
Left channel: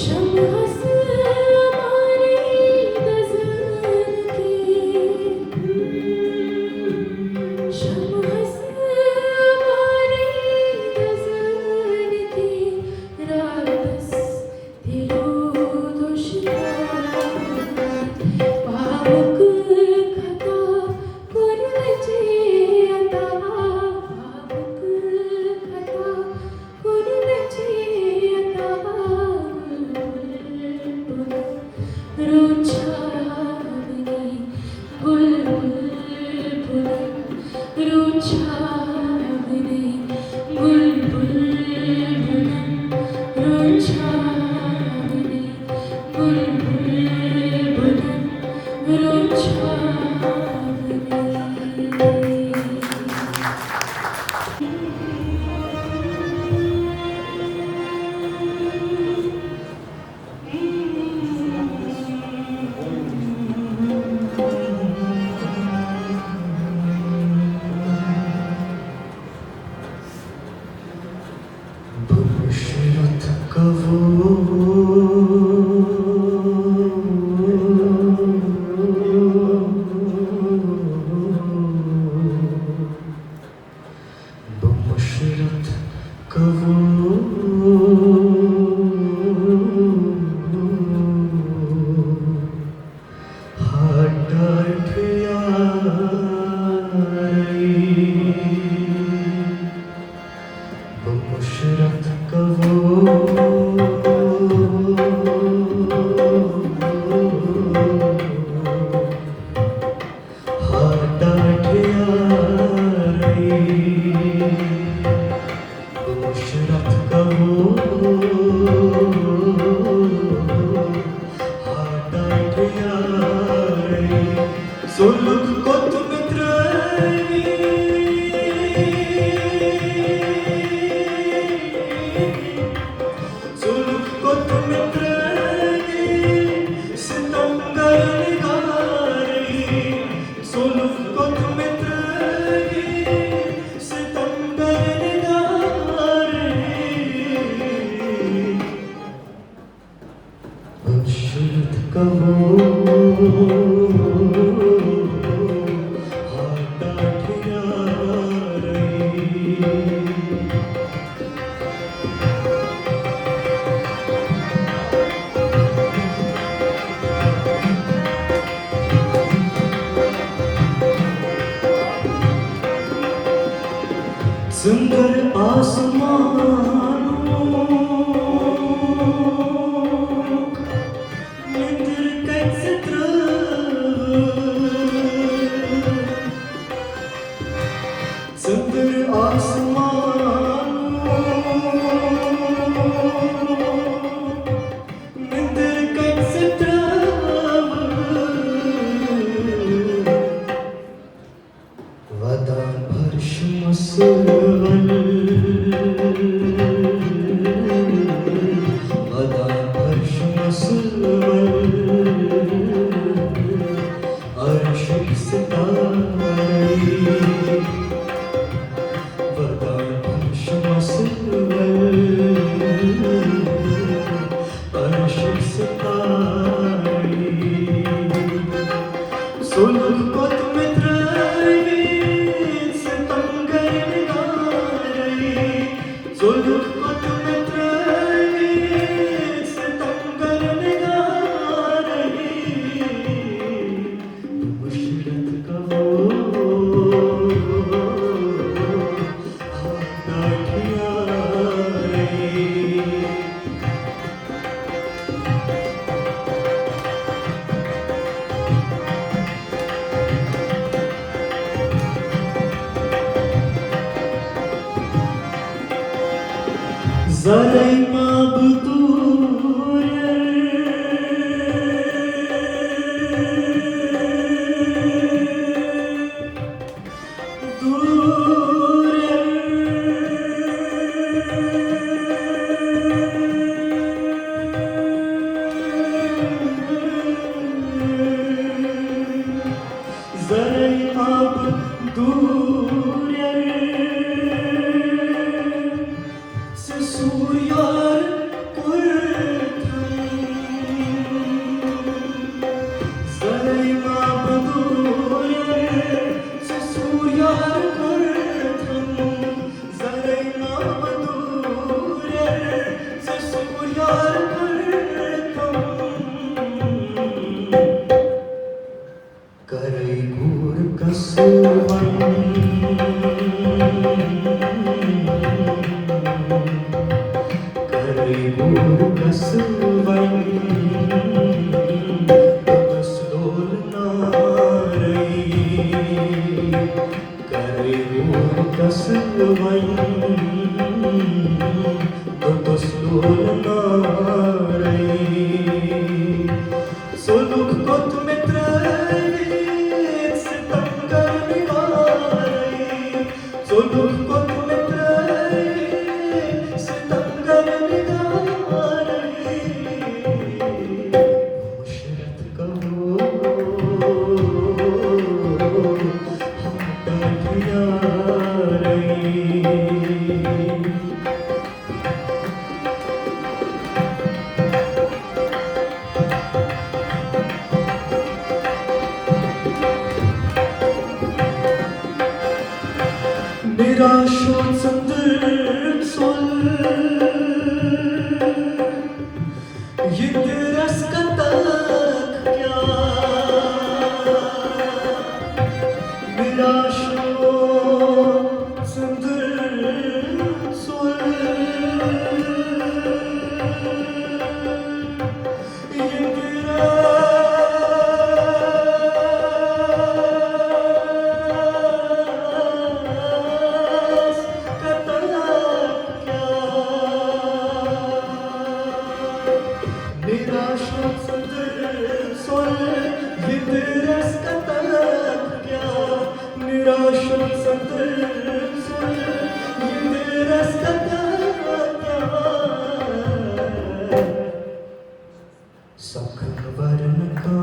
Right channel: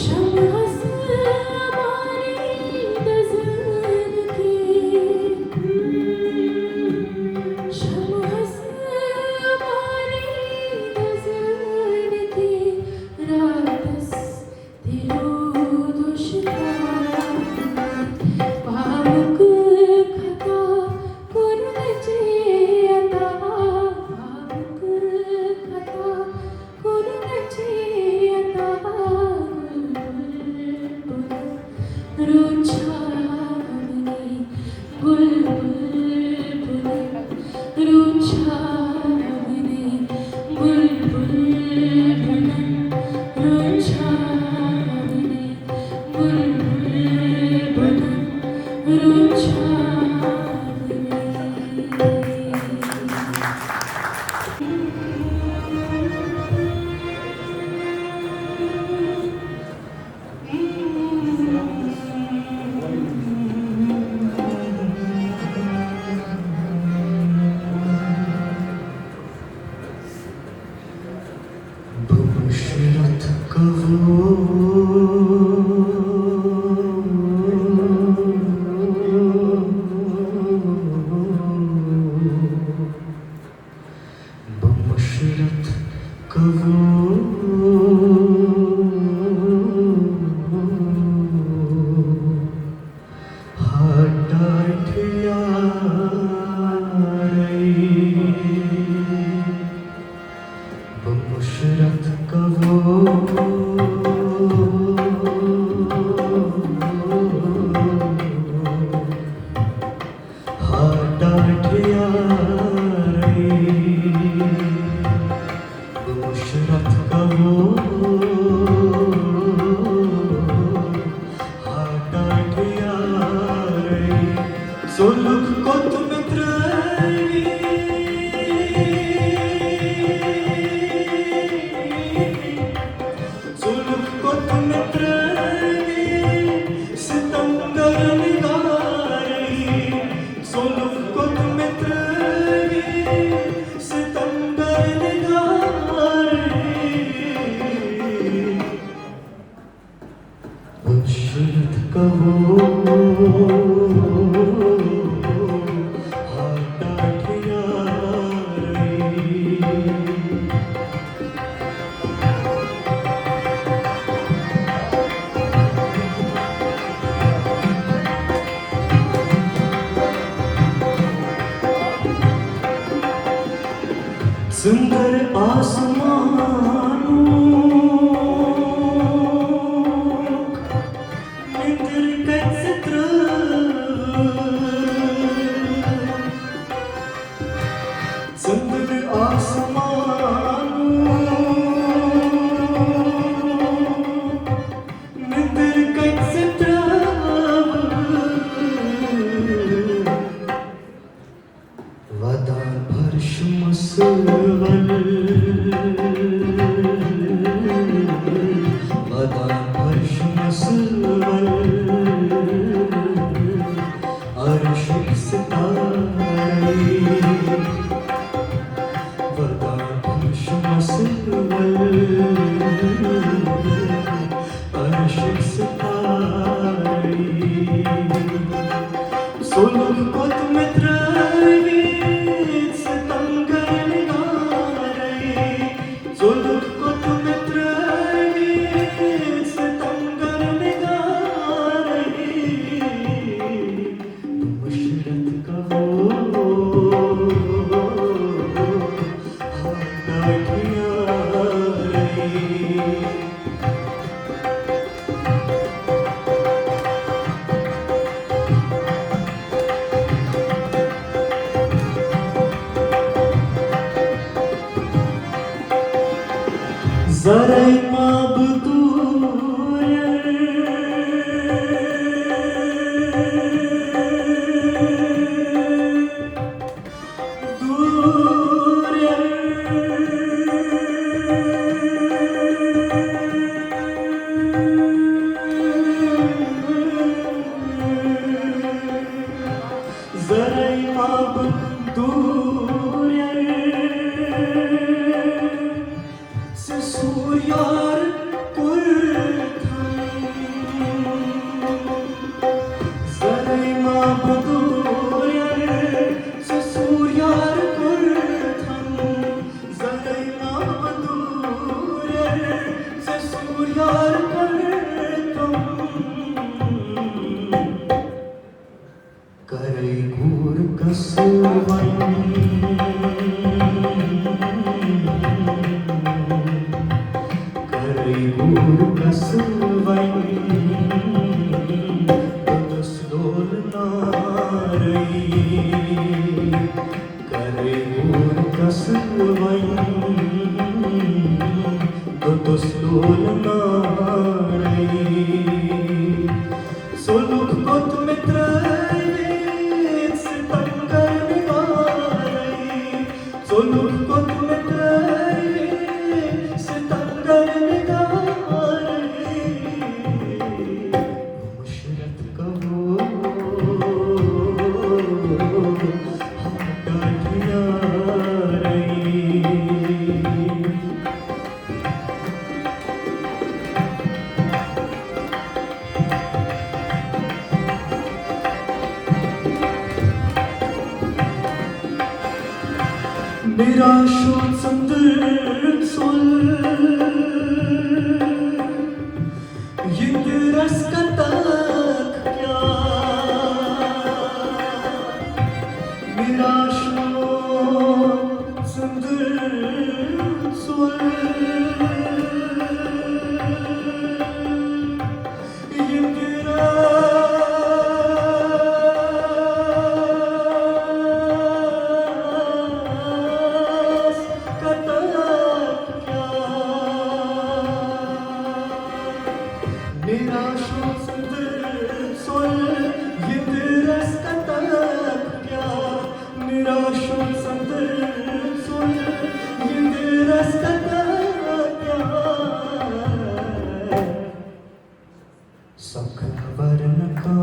Shams मारे नजर की शमस मारे नजर की रातस दिलो दुश्मना पावक खता कुरनचे आता पावक खता कुरनचे आता रुचावनी बुलबुल रुचावनी बुलबुल रुचावनी बुलबुल Basharat बमुशरत Soluk kot Soluk kot sitam gargari Soluk kot sitam gargari Bashrit सुंदर आसमानों निंदर कैसे सुंदर आसमानों निंदर कैसे वदा फर्श मुसवल वदा फर्श मुसवल अर्श सितारे वदा फर्श मुसवल अर्श सितारे सोलक कोत मित्राए Soluk kot mitrae sitam gargari Bashrat ka Zaray mabdur Zaray mabdur Surya So look got me trace tangar nigarai So look got me trace tangar nigarai Musarrat कहो हम दिया मेरा शोधंदर सोल ये रस का तक क्या मेरा शोधंदर सोल ये मेरा शोधंदर सोल ये रस का तक क्या मेरा शोधंदर सोल ये रस का तक क्या सख वरण का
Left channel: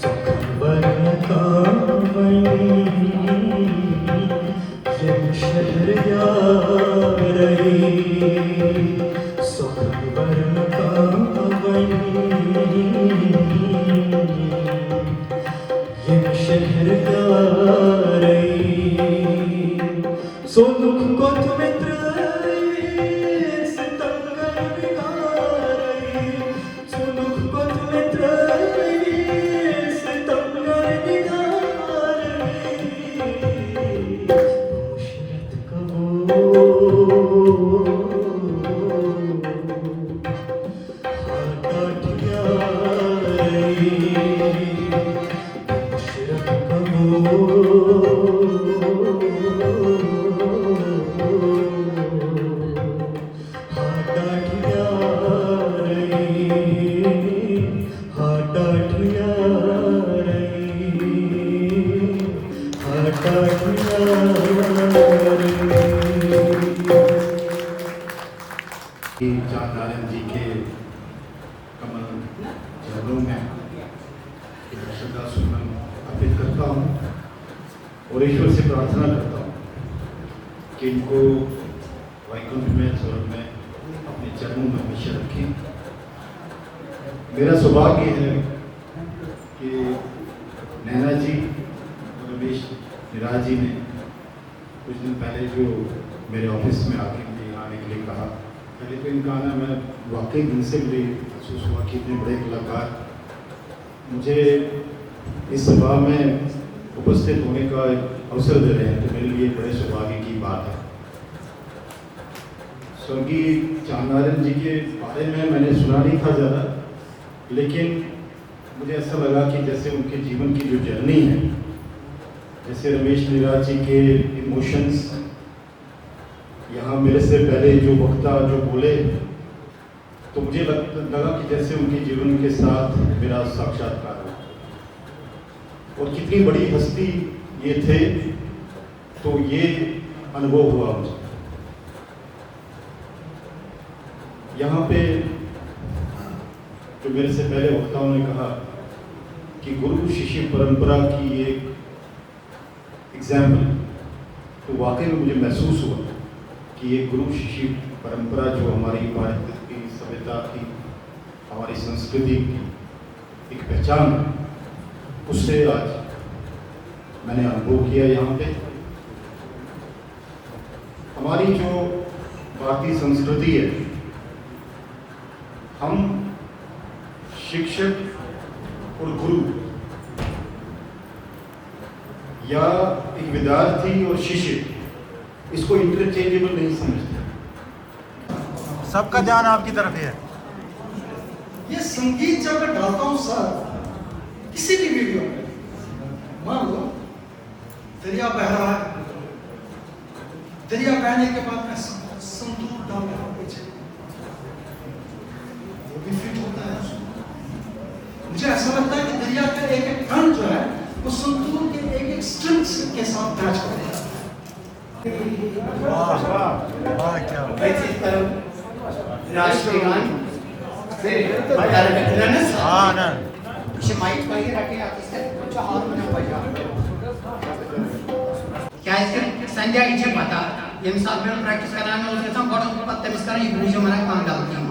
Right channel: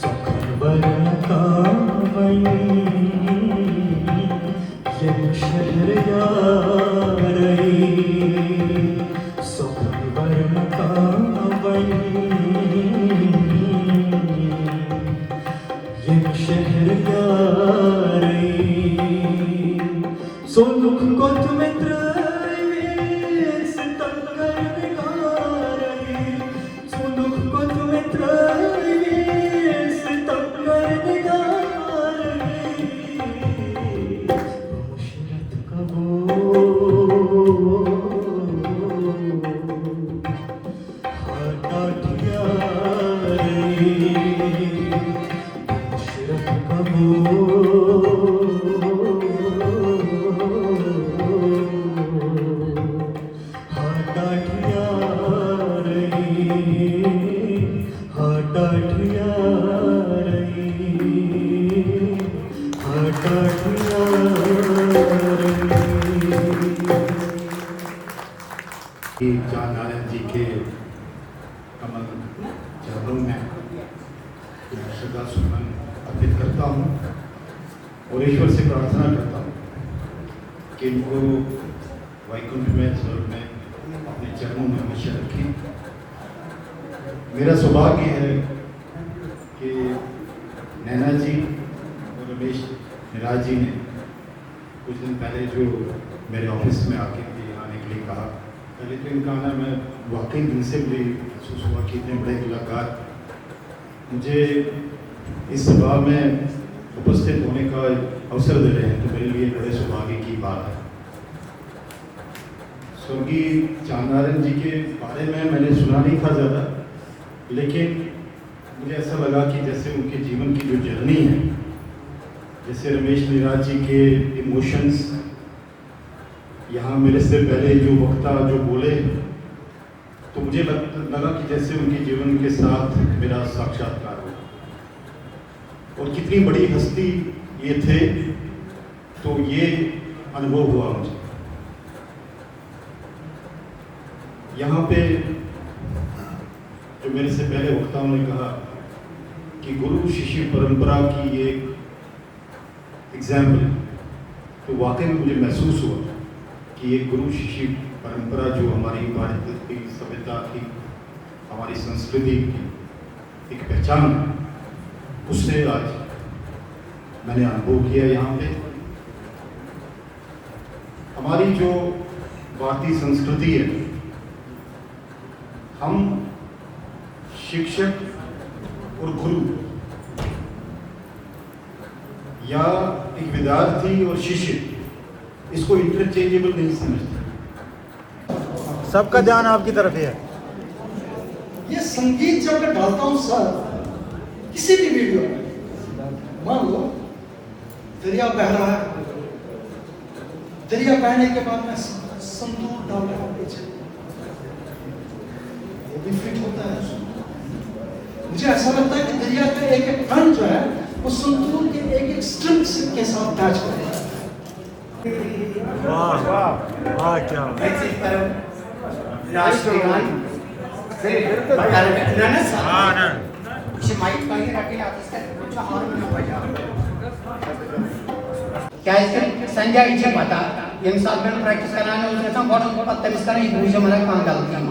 सख वरण का ये शहर यारई सख वरण का ये शहर यारई So look got me trace tangar nigarai So look got me trace tangar nigarai Musarrat कहो हाथ यारई मुशरत कहो जान नारायण जी के चरणों में श्रद्धा सुमन अर्पित करता हूँ और ईश्वर से प्रार्थना करता हूँ कि इनको वैकुंठ में स्वर्ग में अपने चरणों में हमेशा रखें। मेरा सौभाग्य है कि नैना जी और रमेश निराज जी ने कुछ दिन पहले जो मेरे ऑफिस में आके मुझे आने के लिए कहा, पहले तो इनका आना मैं वाकई दिन से मुझे महसूस हुआ कि इतने बड़े कलाकार मुझे इस सभा में उपस्थित होने का अवसर दे रहे हैं, तो मेरे लिए बड़े सौभाग्य की बात है। स्वर्गीय चांद नारायण जी के बारे में मैंने सुना नहीं था ज़्यादा, लेकिन मुझे ऐसा लगा कि जैसे उनके जीवन की जो जर्नी है, जैसे रमेश निराज जी के इमोशंस, यहाँ मेरे से पहले जो वक्ता जो बोले, तो मुझे लगा कि जैसे उनके जीवन के साथ मेरा साक्षात्कार हो। और कितनी बड़ी हस्ती ये थे, तो ये अनुभव हुआ मुझे। यहाँ पे जो मेरे से पहले वक्ताओं ने कहा कि गुरु शिष्य परंपरा की एक एग्जाम्पल, तो वाकई में मुझे महसूस हुआ कि ये गुरु शिष्य परंपरा जो हमारी भारत की सभ्यता की, हमारी संस्कृति की एक पहचान, उससे आज मैंने अनुभव किया। यहाँ पे हमारी जो भारतीय संस्कृति है, हम शिक्षक और गुरु या एक विद्यार्थी और शिष्य इसको इंटरचेंजेबल नहीं समझते। सबका ध्यान आपकी तरफ है। ये संगीत जब मैं डालता हूँ सर किसी भी वीडियो में, मान लो दरिया बह रहा है, दरिया बहने के बाद मैं संतूर डाल रहा हूँ पीछे, वो भी फिट होता है। मुझे ऐसा लगता है कि दरिया का एक एक कण जो है वो संतूर के एक एक स्ट्रिंग्स के साथ मैच करता है। वाह वाह वाह, क्या ऐसी तरह राष्ट्रगान हाँ ना माइक कहीं रखे आता है कुछ हार्मोनियम बजा क्या इसके संजय इच्छा पता ये साथ में प्रैक्टिस कराने उसके साथ बड़ा पत्ते मिस करें ये मुझे मरा काम डालते हैं